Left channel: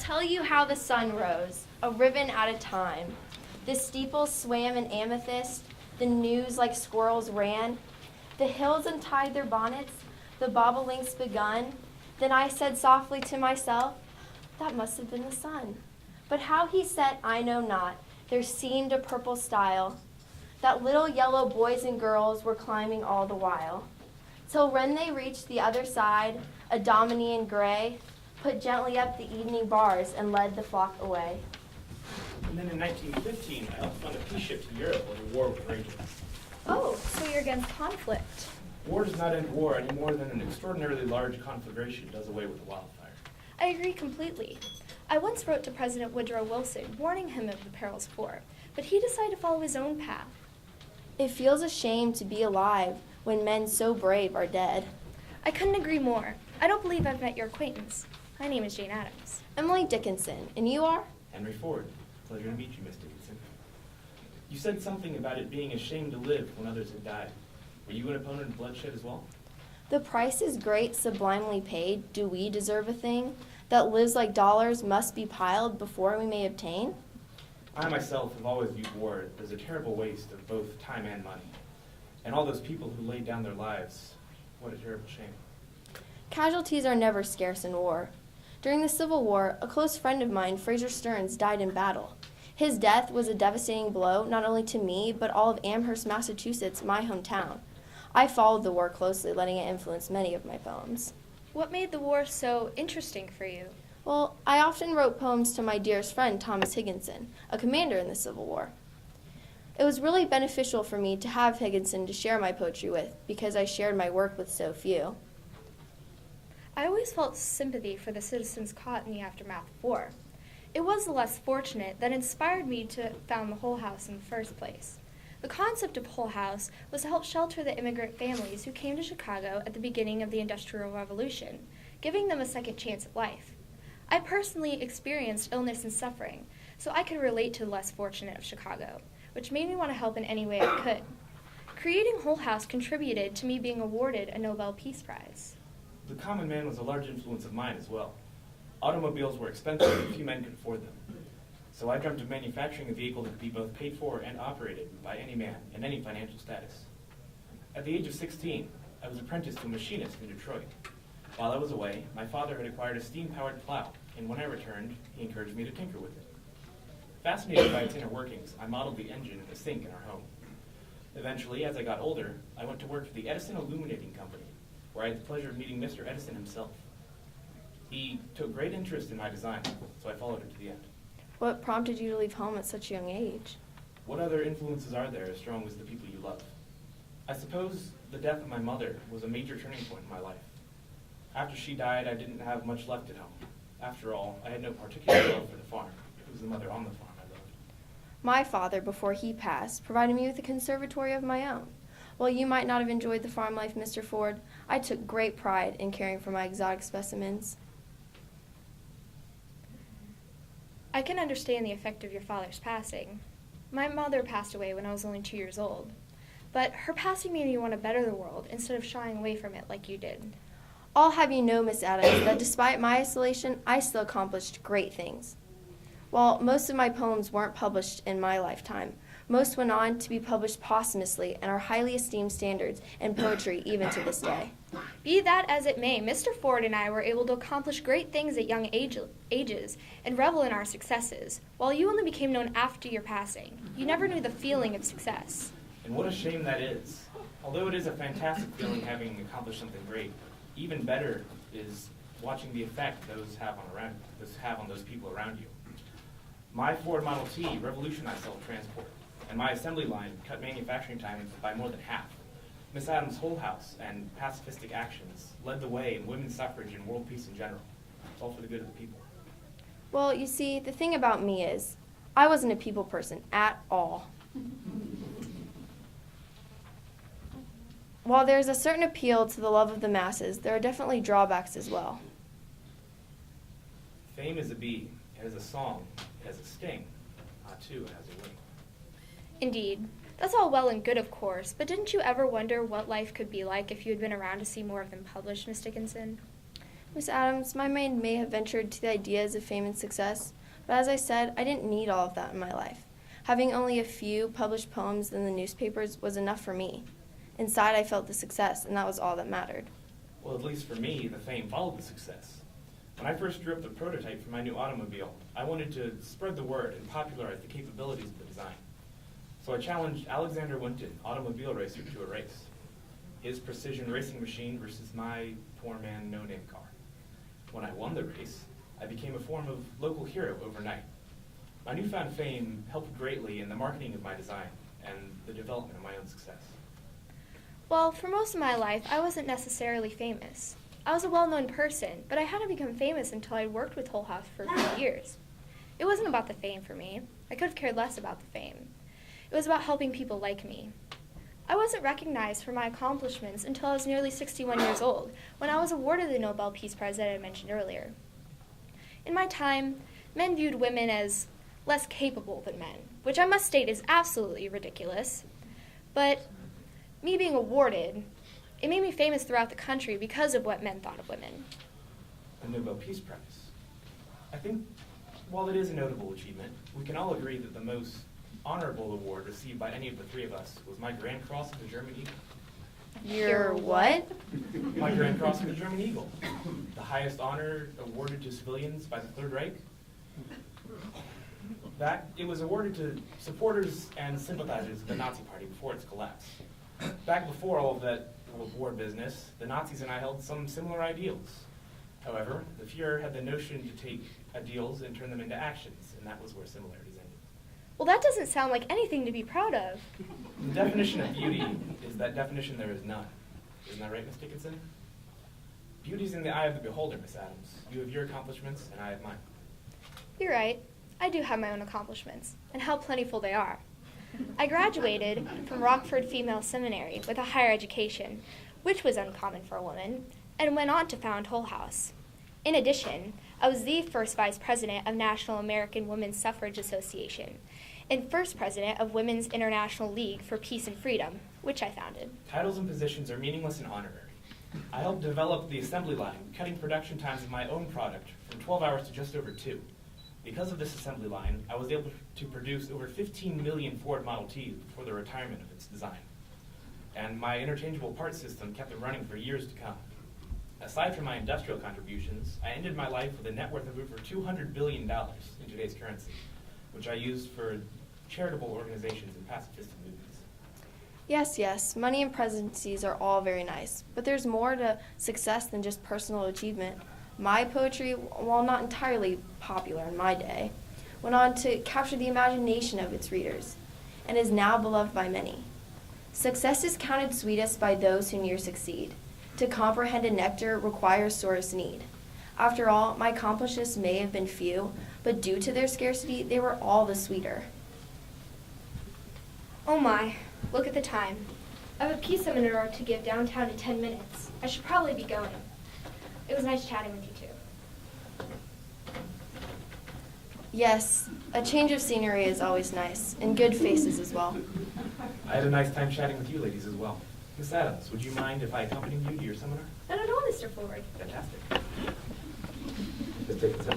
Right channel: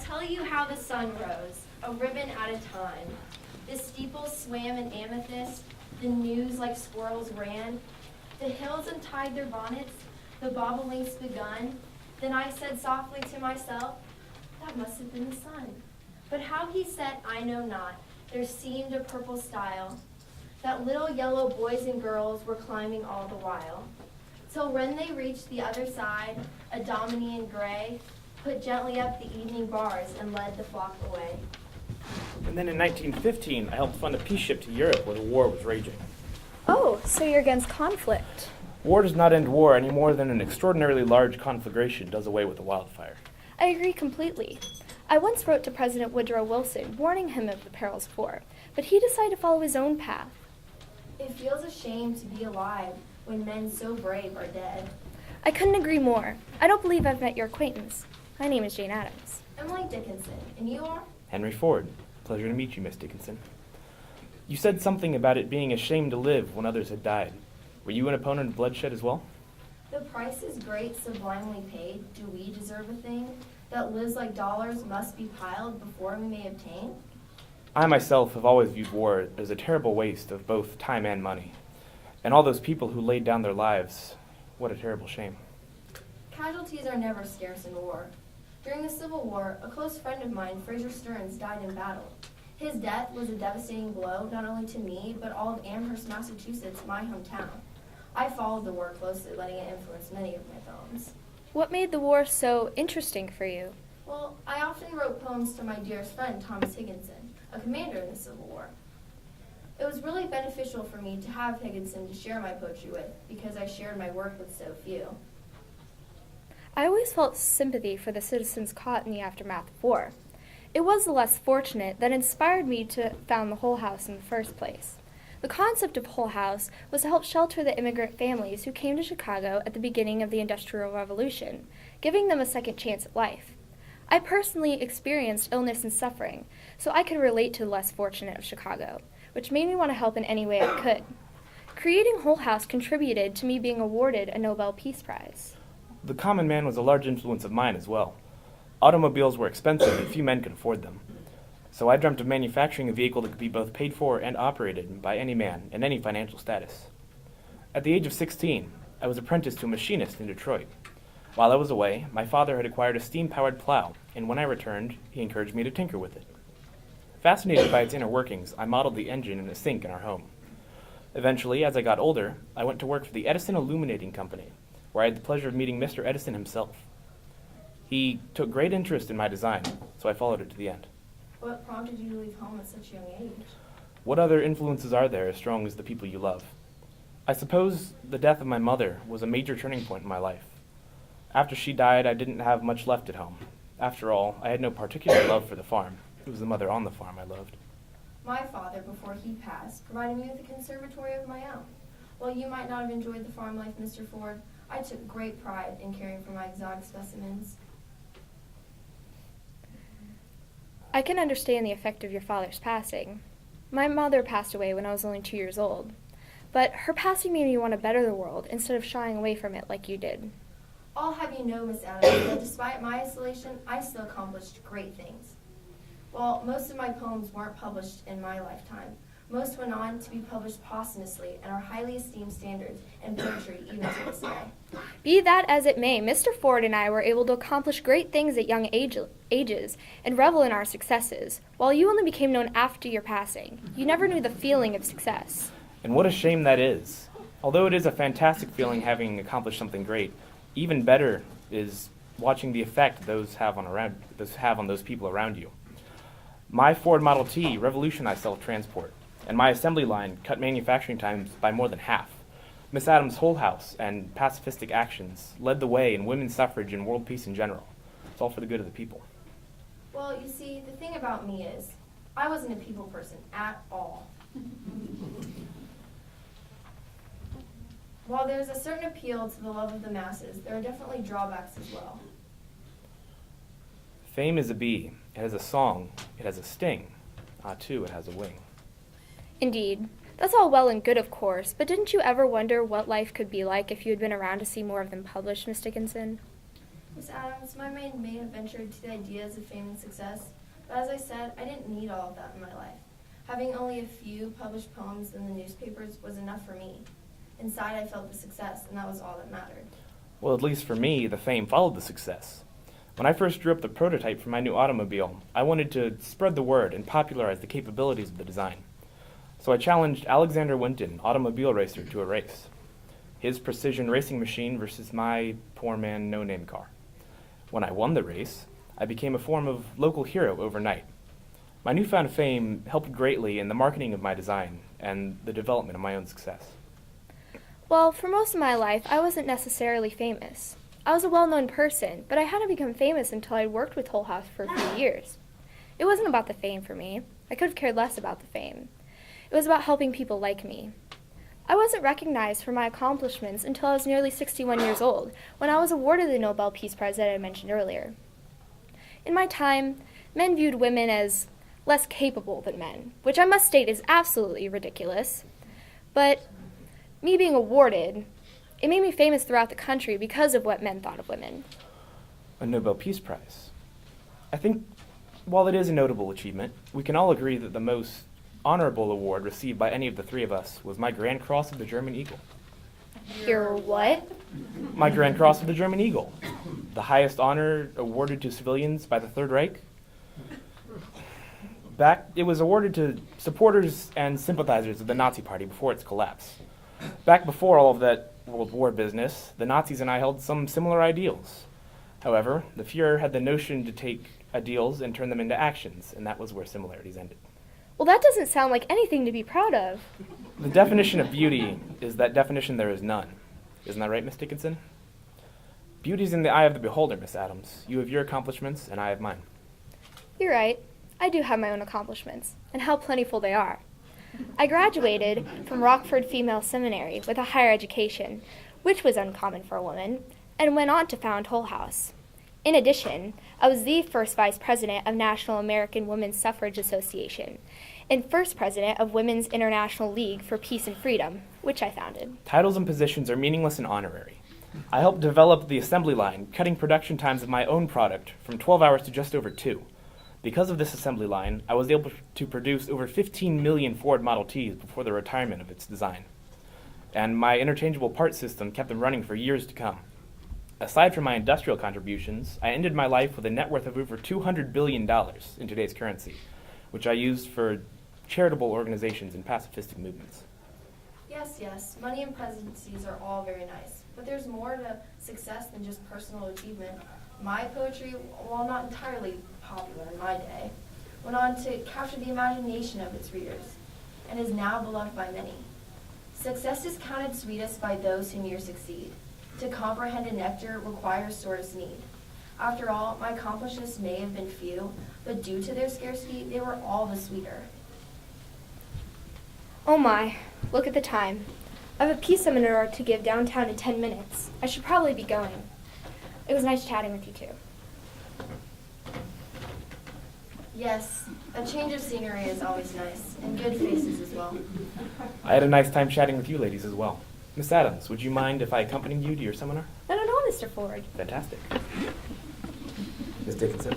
tell you how the sun rose, a ribbon at a time. The steeples swam in amethyst, the news like squirrels ran. The hills untied their bonnets, the bobolinks begun. Then I said softly to myself, that must have been the sun. But how he set, I know not. There seemed a purple stile, that little yellow boys and girls were climbing all the while. Till when they reached the other side, a dominie in gray put gently up the evening bars and led the flock away. And then in 1915, I helped fund a peace ship to Europe where the war was raging. Oh, so you're against conflict. War does not end war any more than an extraordinarily large conflagration does away with a wildfire. I agree completely. I once wrote to President Woodrow Wilson warning him of the perils of war, but he decided to follow his own path. It feels a shame to be alive when men so brave are dead. I couldn't agree more. I don't believe I've met your acquaintance. My name is Jane Addams. Emily Dickinson, and you are? Henry Ford. Pleasure to meet you, Miss Dickinson. You said something about it being a shame to live when others had died. Were you an opponent of bloodshed as well? The price is great, sublimely paid. Do we deserve a thing that lives like dollars must be piled before we may obtain? I myself have always viewed war as a terrible waste of both time and money. And all those people who laid down their lives, what a terrible shame. Casualties are never scarce in war. During the Civil War, a close friend of mine, Fraser Stearns, died in battle. His death was a devastating blow, not only to me, but all of Amherst, Massachusetts, my hometown. I followed the war closely, letting it influence many of my poems. What made the war so interesting for you? Well, I often wrote poems to my dearest friend, Thomas Higginson, a commander in the Civil War. It was really beneficial for me to have Higginson to share my poetry with, because I shared my work with so few. I always felt sympathy for the citizens caught in the aftermath of war. It was the less fortunate that inspired me to found the Hull House in the first place. The concept of Hull House was to help shelter the immigrant families who came to Chicago at the beginning of the Industrial Revolution, giving them a second chance at life. I personally experienced illness and suffering, so I could relate to the less fortunate of Chicago, which made me want to help in any way I could. Creating Hull House contributed to me being awarded a Nobel Peace Prize. The common man was a large influence of mine as well. Automobiles were expensive and few men could afford them. So I dreamt of manufacturing a vehicle that could be both paid for and operated by any man in any financial status. At the age of 16, I was apprenticed to a machinist in Detroit. While I was away, my father had acquired a steam-powered plow, and when I returned, he encouraged me to tinker with it. Fascinated by its inner workings, I modeled the engine in a sink in our home. Eventually, as I got older, I went to work for the Edison Illuminating Company, where I had the pleasure of meeting Mr. Edison himself. He took great interest in my design, so I followed it to the end. What prompted you to leave home at such a young age? What other influences are there as strong as the people you love? I suppose the death of my mother was a major turning point in my life. After she died, I didn't have much left at home. After all, I had no particular love for the farm. It was the mother on the farm I loved. My father, before he passed, provided me with a conservatory of my own. While you might not have enjoyed the farm life, Mr. Ford, I took great pride in caring for my exotic specimens. I can understand the effect of your father's passing. My mother passed away when I was only 2 years old, but her passing made me want to better the world instead of shying away from it like you did. I'll have you know, Miss Addams, that despite my isolation, I still accomplished great things. While most of my poems weren't published in my lifetime, most went on to be published posthumously and are highly esteemed standards in poetry even to this day. Be that as it may, Mr. Ford and I were able to accomplish great things at young ages and revel in our successes, while you only became known after your passing. You never knew the feeling of success. And what a shame that is. Although it is a fantastic feeling having accomplished something great, even better is watching the effect those have on those people around you. My Ford Model T revolutionized self-transport, and my assembly line cut manufacturing times by more than half. Miss Addams' Hull House and pacifistic actions led the way in women's suffrage and world peace in general. It's all for the good of the people. Well, you see, the thing about me is, I wasn't a people person at all. While there's a certain appeal to the love of the masses, there are definitely drawbacks as well. Fame is a bee. It has a song. It has a sting. Too, it has a wing. Indeed. That's all well and good, of course, but didn't you ever wonder what life could be like if you had been around to see more of them published, Miss Dickinson? Miss Addams, my mind may have ventured to the ideas of fame and success, but as I said, I didn't need all of that in my life. Having only a few published poems in the newspapers was enough for me. Inside, I felt the success, and that was all that mattered. Well, at least for me, the fame followed the success. When I first drew up the prototype for my new automobile, I wanted to spread the word and popularize the capabilities of the design. So I challenged Alexander Winton, automobile racer, to a race. His precision racing machine versus my poor man no-name car. When I won the race, I became a form of local hero overnight. My newfound fame helped greatly in the marketing of my design and the development of my own success. Well, for most of my life, I wasn't necessarily famous. I was a well-known person, but I hadn't become famous until I'd worked with Hull House for a few years. It wasn't about the fame for me. I could have cared less about the fame. It was about helping people like me. I wasn't recognized for my accomplishments until I was nearly 61 years old, when I was awarded the Nobel Peace Prize that I mentioned earlier. In my time, men viewed women as less capable than men, which I must state is absolutely ridiculous. But me being awarded, it made me famous throughout the country because of what men thought of women. A Nobel Peace Prize. I think, while it is a notable achievement, we can all agree that the most honorable award received by any of the three of us was my Grand Cross of the German Eagle. Your what? My Grand Cross of the German Eagle, the highest honor awarded to civilians by the Third Reich. It was awarded to supporters and sympathizers of the Nazi Party before its collapse. Back before all of that World War business, the Nazis and I held some similar ideals. However, the Fuhrer had the notion to take ideals and turn them into actions, and that was where similarities ended. Well, that doesn't sound like anything to be proud of. The definition of beauty is that definition there is none. Isn't that right, Miss Dickinson? Beauty's in the eye of the beholder, Miss Addams. You have your accomplishments, and I have mine. You're right. I do have my own accomplishments, and how plentiful they are. I graduated from Rockford Female Seminary with a higher education, which was uncommon for a woman, and went on to found Hull House. In addition, I was the first vice president of National American Women's Suffrage Association, and first president of Women's International League for Peace and Freedom, which I founded. Titles and positions are meaningless and honorary. I helped develop the assembly line, cutting production times of my own product from 12 hours to just over 2. Because of this assembly line, I was able to produce over 15 million Ford Model Ts before the retirement of its design. And my interchangeable parts system kept them running for years to come. Aside from my industrial contributions, I ended my life with a net worth of over $200 billion in today's currency, which I used for charitable organizations and pacifistic movements. Yes, money and presidencies are all very nice, but there's more to success than just personal achievement. My poetry, while not entirely popular in my day, went on to capture the imagination of its readers, and is now beloved by many. Success is counted sweetest by those who near succeed. To comprehend a nectar requires sorest need. After all, my accomplishments may have been few, but due to their scarcity, they were all the sweeter. Oh my, look at the time. I have a peace seminar to give downtown in 10 minutes. I should probably be going. It was nice chatting with you too. Yes, a change of scenery is always nice, and good faces as well. I had a nice time chatting with you ladies as well. Miss Addams, would you mind if I accompanied you to your seminar? Not at all, Mr. Ford. Fantastic. Miss Dickinson?